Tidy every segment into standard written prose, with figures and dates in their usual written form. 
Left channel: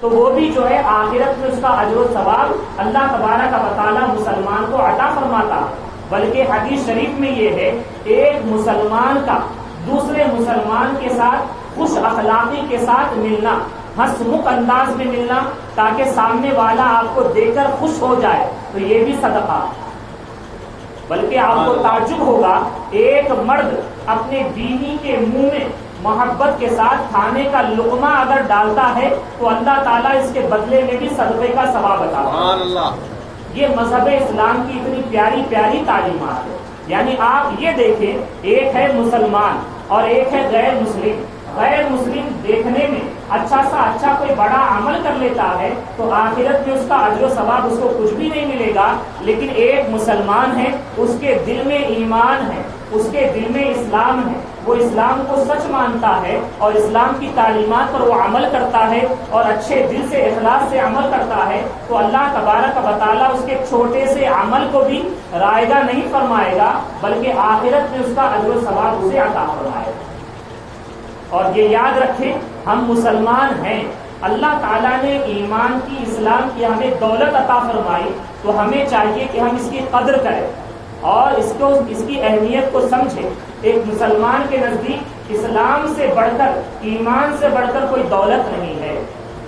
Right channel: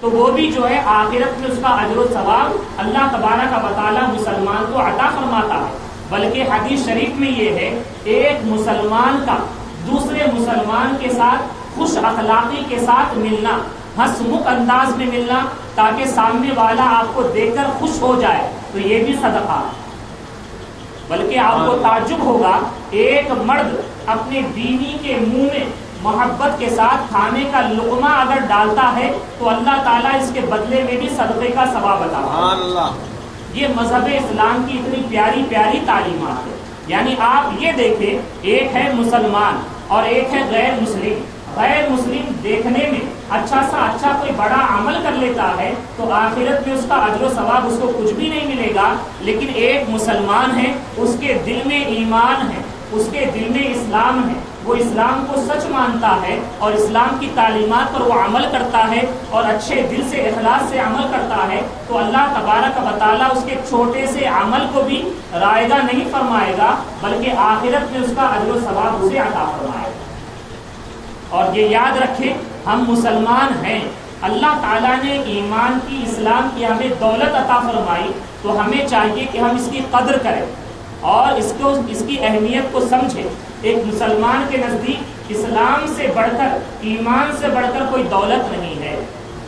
تو وہ بھی جو ہے آخرت میں اس کا اجر و ثواب اللہ تبارک و تعالیٰ مسلمان کو عطا فرماتا ہے۔ بلکہ حدیث شریف میں یہ ہے، ایک مسلمان کا دوسرے مسلمان کے ساتھ خوش اخلاقی کے ساتھ ملنا، ہنسمکھ انداز میں ملنا، تاکہ سامنے والا آپ کو دیکھ کر خوش ہو جائے، تو یہ بھی صدقہ۔ بلکہ آپ کو تعجب ہوگا، ایک مرد اپنے بیوی کے منہ میں محبت کے ساتھ کھانے کا لقمہ اگر ڈالتا ہے تو اللہ تعالیٰ اس کے بدلے میں بھی صدقے کا ثواب عطا کرتا ہے۔ یہ مذہب اسلام کی اتنی پیاری پیاری تعلیمات ہے۔ یعنی آپ یہ دیکھیں، ایک ہے مسلمان اور ایک ہے غیر مسلم۔ غیر مسلم دیکھنے میں اچھا سا اچھا کوئی بڑا عمل کر لیتا ہے تو آخرت میں اس کا اجر و ثواب اس کو کچھ بھی نہیں ملے گا، لیکن ایک مسلمان ہے، اس کے دل میں ایمان ہے، اس کے دل میں اسلام ہے، وہ اسلام کو سچ مانتا ہے اور اسلام کی تعلیمات پر وہ عمل کرتا ہے اور اچھے دل سے اخلاص سے عمل کرتا ہے، تو اللہ تبارک و تعالیٰ اس کے چھوٹے سے عمل کو بھی رائگاں نہیں فرمائے گا، بلکہ آخرت میں اس کا اجر و ثواب اسے عطا فرمائے گا۔ اور یہ یاد رکھیں، ہم مسلمان ہیں، اللہ تعالیٰ نے ایمان کی، اسلام کی ہمیں دولت عطا فرمائی، تو ہمیں چاہیے کہ ہم اس کی قدر کریں اور اس کی اہمیت کو سمجھیں۔ ایک مسلمان کے نزدیک اسلام سے بڑھ کر، ایمان سے بڑھ کر کوئی دولت نہیں ہے۔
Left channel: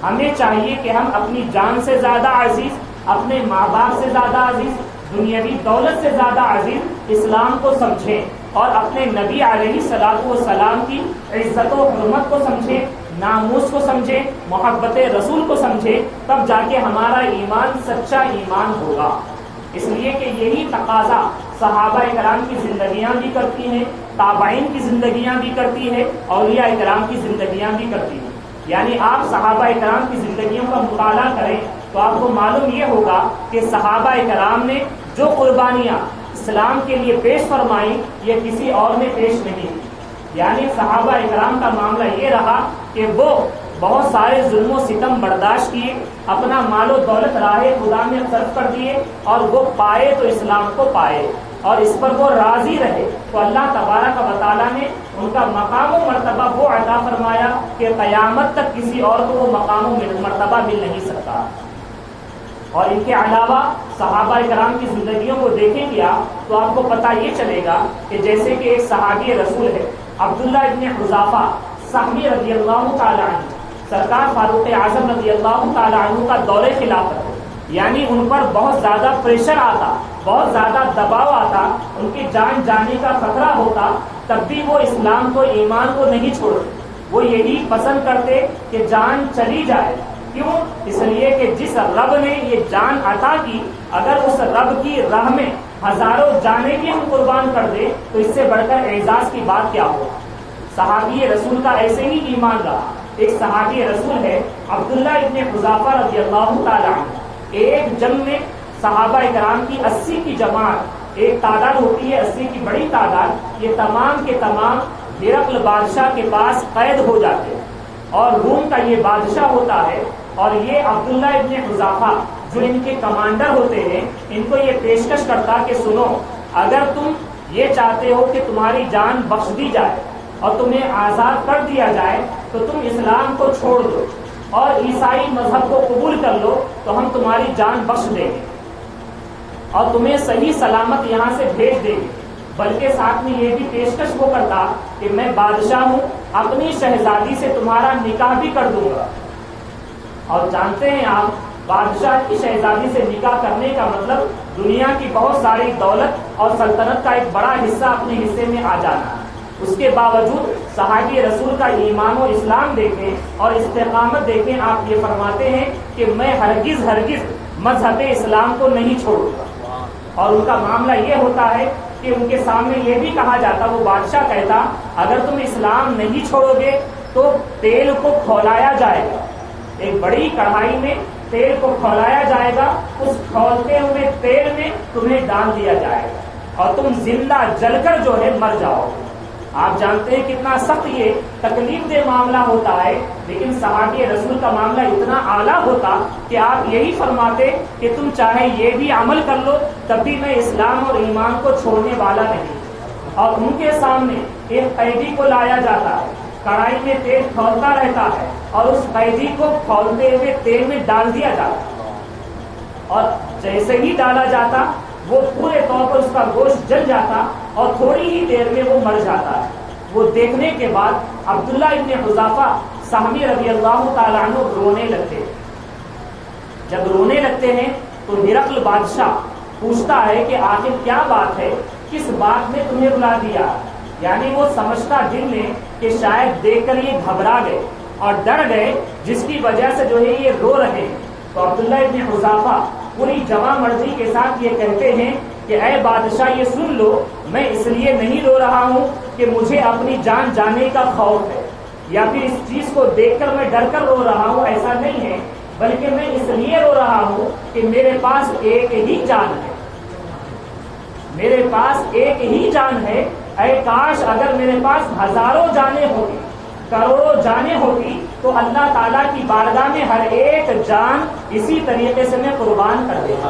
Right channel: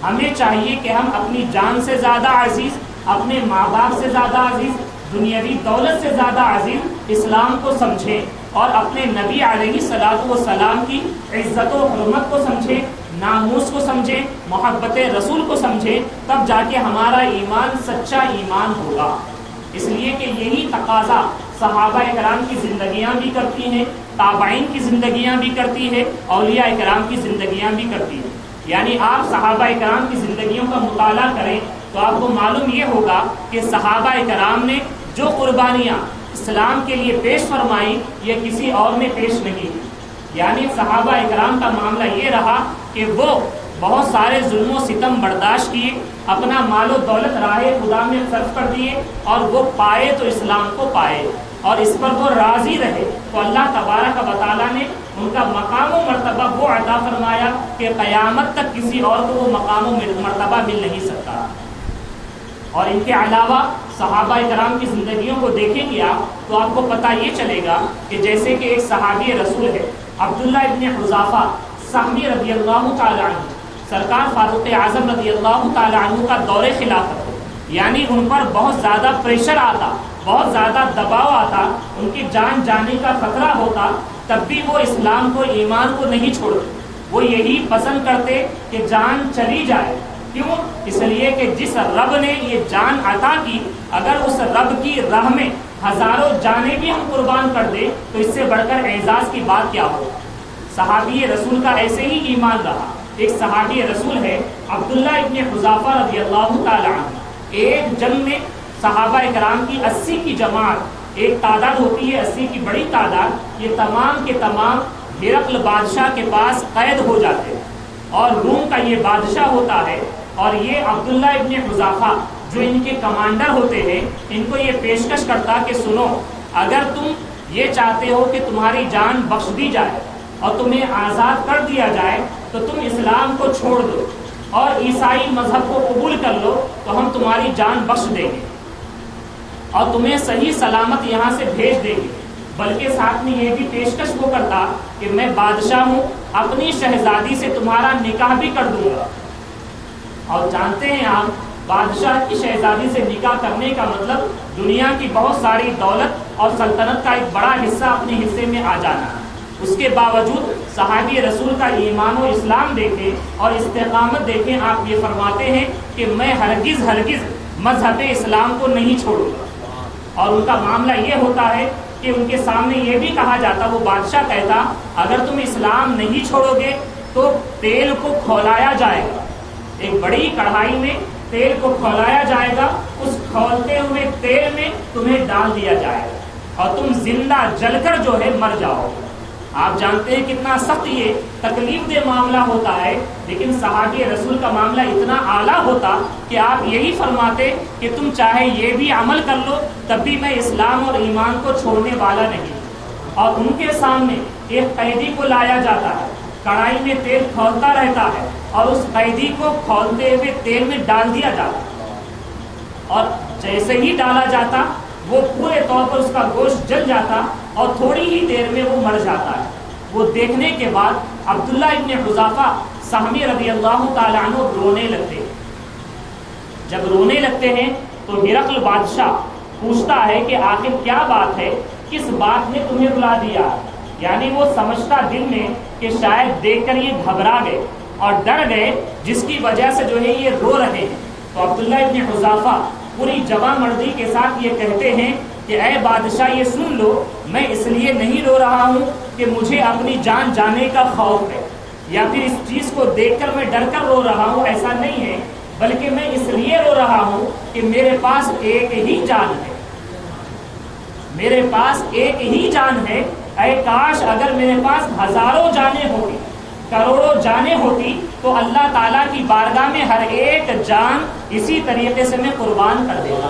ہمیں چاہیے کہ ہم اپنی جان سے زیادہ عزیز، اپنے ماں باپ سے زیادہ عزیز، دنیاوی دولت سے زیادہ عزیز اسلام کو سمجھیں اور اپنے نبی علیہ الصلوۃ والسلام کی عزت و حرمت کو سمجھیں، ناموس کو سمجھیں، محبت رسول کو سمجھیں، تب جا کے ہمارا ایمان سچا ایمان ہوگا۔ اس لیے کہ یہی تقاضا صحابہ کرام کی زندگیاں بھی کرتی ہیں، تابعین کی زندگیاں بھی کرتی ہے، اولیاء کرام کی زندگیاں بھی کرتی ہیں۔ یعنی آپ صحابہ کرام کی زندگیوں کا مطالعہ کریں تو آپ کو معلوم یہ ہوگا کہ صحابہ کرام نے جو قربانیاں اسلام کے لیے پیش فرمائیں، یہ کسی اور نے پیش نہیں کی۔ یعنی صحابہ اکرام کا معاملہ یہ رہا کہ وہ بہت سارے ظلم و ستم برداشت کیے، اپنا مال و دولت راہ خدا میں صرف کر دیے، اور وہ پائے تو اسلام کو پائے اور اس پر وہ راضی رہے، تو اللہ تبارک و تعالیٰ نے ان کا مقام و مرتبہ وہ عطا فرمایا کہ قیامت تک کسی اور کو وہ مقام و مرتبہ مل نہیں سکتا۔ اور ان کے علاوہ صحابہ کرام کی زندگیوں کو دیکھیں گے آپ تو آپ کو پتہ یہ چلے گا کہ جیسے کہ ایک صحابی رسول ہے عبداللہ ابن حذافہ سہمی رضی اللہ تعالی عنہ، سرکار فاروق اعظم رضی اللہ تعالی عنہ کا دور خلافت، یعنی ان پر بہت زیادہ پریشر آتا، بہت زیادہ دباؤ آتا، ان کی جان جانے کا خطرہ ہوتا، تب بھی وہ اسلام کو، ایمان کو نہیں چھوڑتے۔ وہ یہی پسند کرتے کہ جان چلی جائے۔ کیوں؟ اس لیے کہ جس رب نے یہ جان عطا کی، اگر اس رب کی راہ میں ہزاروں جانیں بھی ہم قربان کر دیں تو اس سے بڑھ کر اعزاز کی بات کیا ہو۔ صحابی رسول کا ایسے ہی ایمان رہا۔ ایک صحابی رسول ہے عبداللہ ابن حذافہ رضی اللہ تعالی عنہ، ایک جنگ میں صحابہ کرام کی 80 کی جماعت، ایک تعداد ہوتی ہے 80 کی بڑی تعداد، یہ تمام کے تمام ہرقل بادشاہ کے پاس قید ہو جاتے ہیں، اور روم کا یہ بادشاہ ہوتا ہے، اور یہ عبداللہ ابن حذافہ جو ان کے کمانڈر ہوتے ہیں، ان کو یہ پیشکش کرتا کہ سنو، اگر تم یہ چاہتے ہو کہ تمہاری جان بخش دی جائے اور تمہیں آزاد کر دیا جائے تو تم اسلام کو چھوڑ دو اور عیسائی مذہب کو قبول کر لو تو ہم تمہاری جان بخش دیں گے اور تمہیں صحیح سلامت یہاں سے بھیج دیں گے۔ بلکہ ساتھ میں یہ بھی پیشکش وہ کرتا کہ میں بادشاہ ہوں، اپنی شہزادی سے تمہارا نکاح بھی کر دوں گا۔ اور جانتے ہیں آپ، بادشاہ کی شہزادی سے نکاح کرنے کا مطلب دنیا کی بہت ساری دولت اور سلطنت کا ایک بڑا حصہ اپنے حصے میں آ جانا۔ اس کے باوجود صحابی رسول کا ایمان و اسلام دیکھیں اور استقامت دیکھیں، آپ یہ فرماتے ہیں کہ میں ہرگز مذہب اسلام کو نہیں چھوڑوں گا۔ اور ان کا معاملہ یہ ہوتا ہے کہ ان کے سامنے یہ بھی کہا جاتا، وہ بادشاہ کہتا اگر تم اسلام نہیں چھوڑو گے تو تیل کو کھولایا جائے گا، ایک بڑی کڑھائی میں تیل کو کھولایا جائے گا، اس کھولتے ہوئے تیل میں تمہیں ڈال دیا جائے گا اور تم زندہ جل کر جو ہے مر جاؤ گے۔ آپ جانتے ہیں کتنا سخت یہ تکلیف دہ معاملہ ہوتا ہے، لیکن صحابی رسول کا معاملہ اتنا اعلیٰ ہوتا کہ آپ یہی فرماتے کہ تم چاہے یہ بھی عمل کر لو تب بھی میں اسلام اور ایمان کو چھوڑنے والا نہیں۔ اور ان کے سامنے ایک قیدی کو لایا جاتا ہے، کڑھائی میں تیل کھولتا رہتا ہے اور اس قیدی کو کھولتے ہوئے تیل میں ڈال دیا جاتا، اور جیسے ہی ڈالا جاتا وہ پورے طور پر اس کا گوشت جل جاتا اور تھوڑی ہی دیر میں وہ مر جاتا ہے۔ وہ دیکھنے کے بعد عبداللہ ابن حذافہ سہمی رضی اللہ تعالیٰ عنہ رونے لگتے ہیں۔ جب رونے لگتے ہیں تو ہرقل بادشاہ پوچھتا ہے کہ آخر کیا بات ہے، کس بات نے تمہیں بلا دیا؟ یعنی وہ سمجھتا دل میں کہ شاید دیکھ کر یہ گھبرا گئے اور ڈر گئے، جس کی وجہ سے جو ہے یہ رو رہے ہیں۔ تو عبداللہ ابن حذافہ پوری جوان مردی کے ساتھ یہ کہتے ہیں کہ اے بادشاہ یہ سن لو، میں اس لیے نہیں رو رہا ہوں کہ مجھے اپنی جان جانے کا خوف ہے یا پھر اس چیز کو دیکھ کر میں ڈر کر رو رہا ہوں، ایسا نہیں ہے، بلکہ میں اس لیے رو رہا ہوں کہ میرے پاس ایک ہی جان ہے، میرے پاس ایک ہی جان ہے۔ اے کاش اگر میرے پاس ہزاروں جانیں ہوتی، کروڑوں جانیں ہوتی، تو اللہ تعالیٰ کی بارگاہ میں ہر ایک جان اسی طریقے سے میں قربان کر دیتا۔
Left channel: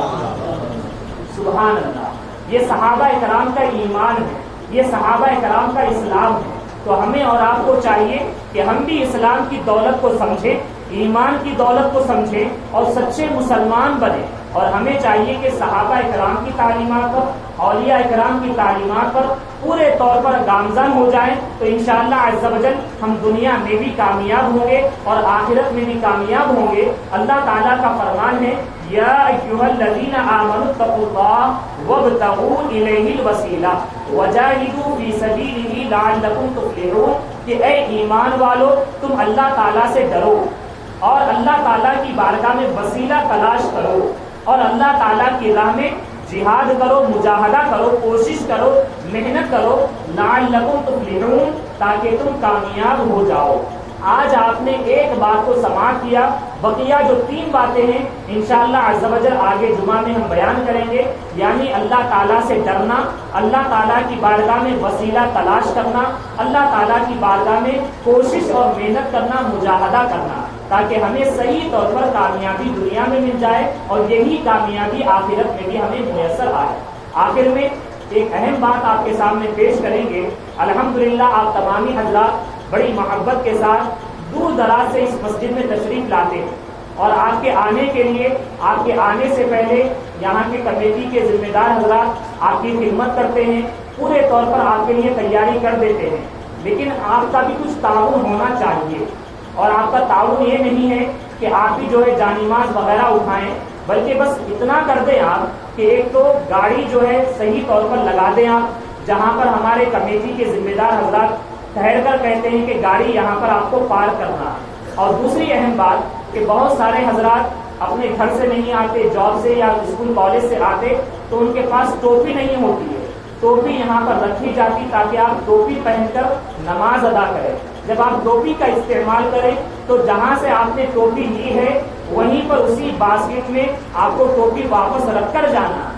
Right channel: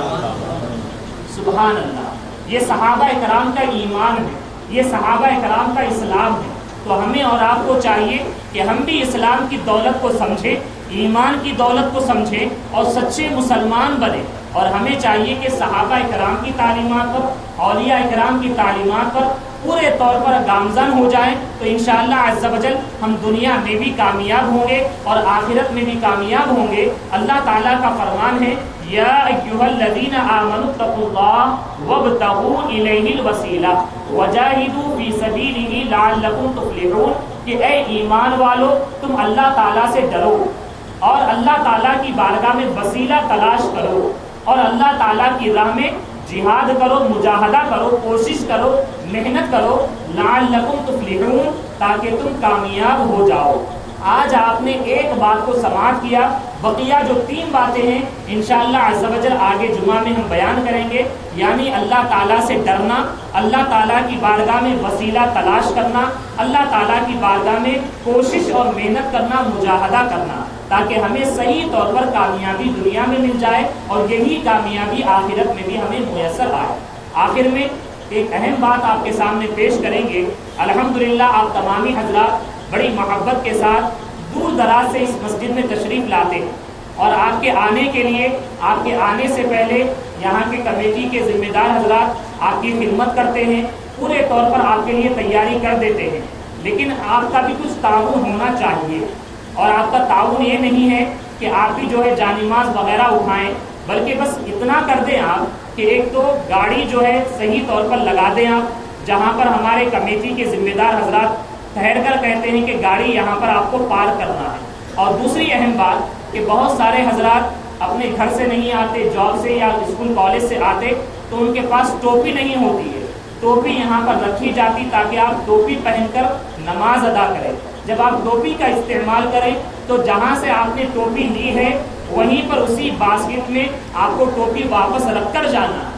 سبحان اللہ، یہ صحابہ اکرام کا ایمان ہے، یہ صحابہ اکرام کا اسلام ہے۔ تو ہمیں اور آپ کو چاہیے کہ ہم بھی اسلام کی دولت کو سمجھیں، ایمان کی دولت کو سمجھیں اور سچے مسلمان بنیں، اور ہمیں چاہیے کہ صحابہ اکرام کی تعلیمات پر، اولیاء اکرام کی تعلیمات پر پورے طور پر گامزن ہو جائیں، تو انشاءاللہ عز و جل ہم دنیا میں بھی کامیاب ہوں گے اور آخرت میں بھی کامیاب ہوں گے۔ اللہ تعالیٰ کا فرمان ہے یا ایھا الذین آمنوا اتقوا اللہ وابتغوا الیہ الوسیلہ وجاہدوا فی سبیلہ لعلکم تفلحون، کہ اے ایمان والو تم اللہ تعالیٰ سے ڈرو اور اللہ تعالیٰ کی بارگاہ میں وسیلہ تلاش کرو اور اللہ تعالیٰ کی راہ میں جہاد کرو، مجاہدہ کرو، کوشش کرو، محنت کرو، لعلکم تفلحون، تاکہ تم کامیاب ہو جاؤ۔ آج آپ نے ایک بات کو سماعت کیا، بقیہ جو 3 باتیں ہیں انشاءاللہ عز و جل آگے جمعہ میں ہم بیان کریں گے، یعنی اللہ تعالیٰ سے ڈرنا، اللہ تعالیٰ کی بارگاہ میں وسیلہ تلاش کرنا، اللہ تعالیٰ کی بارگاہ میں کوشش اور محنت کرنا، مجاہدہ کرنا، تاکہ ہمیں صحیح طور پر کامیابی دنیا میں مل جائے اور یہی کامیابی آخرت میں بھی ہمیں میسر آئے۔ آخر میں ایک اہم بات آپ کے سامنے پیش کریں گے۔ الحمدللہ آپ تمامی حضرات بڑی محبت کے ساتھ دور دراز سے اس مسجد میں تشریف لاتے ہیں، اور آپ کے آنے کے لیے، آپ کے آنے سے پہلے یہاں کے کمیٹی کے ذمہ دار حضرات آپ کی خدمت کرتے ہیں، پورے طور پر آپ کے لیے تیاری کر دیتے ہیں، لیکن آپ کا بھی کچھ تعاون ہونا چاہیے، اور آپ کا تعاون یہ نہیں ہے کہ آپ بھی جو ہے جانماز وغیرہ اٹھائیں، بلکہ بس اتنا کر دیں آپ کہ ایک تو گاڑی جو ہے صحیح طور پر لگا دیں آپ، جہاں پر ہمارے کمیٹی کے ذمہ دار حضرات ٹھہر کر کہتے ہیں کہ گاڑی یہاں پر آپ کو پارک کرنا ہے۔ اور دوسری اہم بات کہ بہت سارے حضرات اپنے گھر سے نہیں آتے، جاب سے یا اسکول کالج سے آتے، تو ان کے پاس ٹوپی نہیں ہوتی ہے، ٹوپی یہاں پر رکھی جاتی تاکہ آپ ٹوپی پہن کر نماز ادا کریں۔ جب آپ ٹوپی کا استعمال کریں تو جہاں سے آپ نے ٹوپی لی ہے وہیں پر اسی باسکٹ میں آپ کو ٹوپی واپس رکھ کر جانا ہے،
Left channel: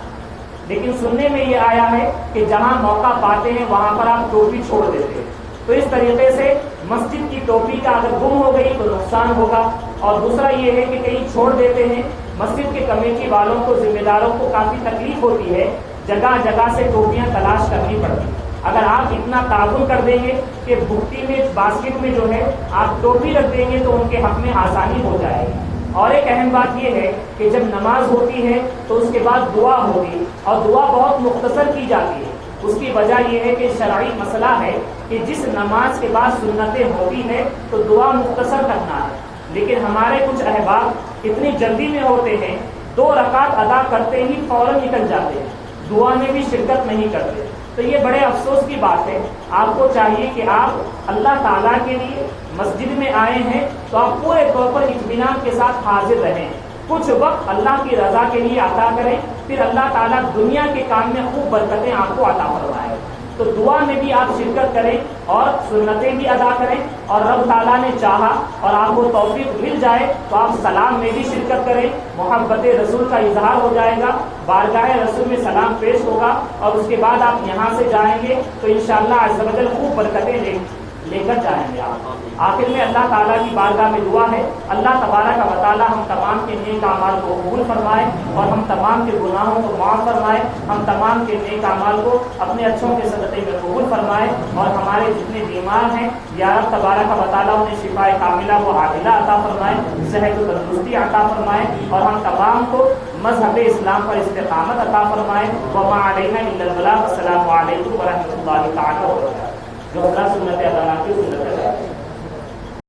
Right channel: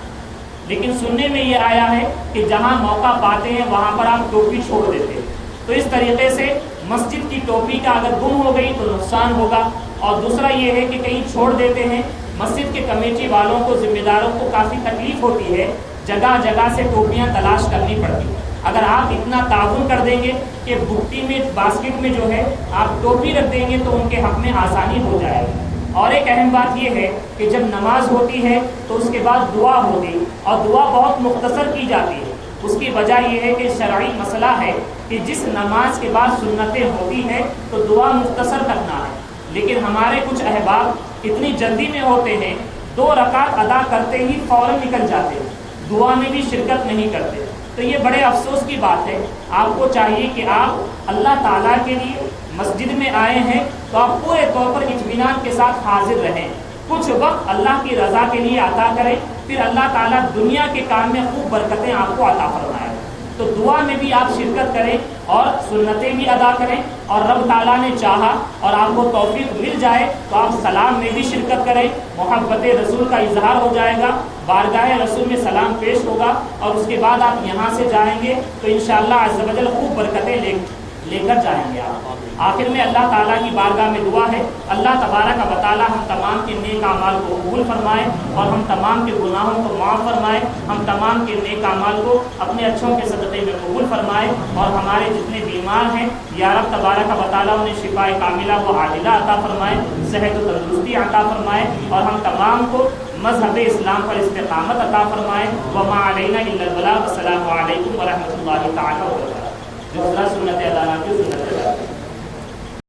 لیکن سننے میں یہ آیا ہے کہ جہاں موقع پاتے ہیں وہاں پر آپ ٹوپی چھوڑ دیتے ہیں۔ تو اس طریقے سے مسجد کی ٹوپی کا اگر گم ہو گئی تو نقصان ہوگا، اور دوسرا یہ ہے کہ کہیں چھوڑ دیتے ہیں، مسجد کے کمیٹی والوں کو، ذمہ داروں کو کافی تکلیف ہوتی ہے، جگہ جگہ سے ٹوپیاں تلاش کرنی پڑتی ہیں۔ اگر آپ اتنا تعاون کر دیں گے کہ بھٹی میں، باسکٹ میں جو ہے آپ ٹوپی رکھ دیں گے تو ان کے حق میں آسانی ہو جائے گی۔ اور ایک اہم بات یہ ہے کہ جب نماز ہوتی ہے تو اس کے بعد دعا ہوتی، اور دعا بہت مختصر کی جاتی ہے۔ اس کی وجہ یہ ہے کہ شرعی مسئلہ ہے کہ جس نماز کے بعد سنتیں ہوتی ہیں تو دعا مختصر کرنا ہے، لیکن ہمارے کچھ احباب اتنی جلدی میں ہوتے ہیں، 2 رکعت ادا کرتے ہی فوراً نکل جاتے ہیں، دعا میں بھی شرکت نہیں کرتے۔ تو یہ بڑے افسوس کی بات ہے۔ آپ کو چاہیے کہ آپ اللہ تعالیٰ کے لیے مسجد میں آئے ہیں تو آپ پورے طور پر اطمینان کے ساتھ حاضر رہیں، کچھ وقت اللہ کی رضا کے لیے عطا کریں، پھر اللہ تعالیٰ دنیا کے کام میں خوب برکتیں آپ کو عطا فرمائے۔ تو دعا میں بھی آپ شرکت کریں اور سنتیں بھی ادا کریں، اور رب تعالیٰ نے چاہا اور آپ کو توفیق مل جائے تو آپ سلام میں بھی شرکت کریں، محبت رسول کا اظہار ہو جائے گا، بارگاہ رسول میں سلام پیش ہوگا، اور اس کے بعد آپ یہاں سے جائیں گے تو انشاءاللہ عز و جل خوب برکتیں لے کر جائیں گے آپ۔ آخر میں اللہ تعالیٰ کی بارگاہ میں دعا ہے، اللہ تبارک و تعالیٰ ہم تمام کے نیک اعمال کو قبول قبول فرمائے اور ہم تمام کے گناہوں کو معاف فرمائے، ہم تمام کے نیک اعمال کو اپنے اچھوں کے صدقے میں قبول فرمائے، اور ہمارے جتنے بیمار ہیں یا رب تبارک و تعالیٰ انہیں شفاء کاملہ و عاجلہ عطا فرمائے، صحت و تندرستی عطا فرمائے، اور ہم تمام کو مذہب اسلام پر استقامت عطا فرمائے۔ وما علینا الا البلاغ۔ السلام علیکم ورحمۃ اللہ تعالیٰ وبرکاتہ۔ جو خدا سنت ادا نہ کی سنت ادا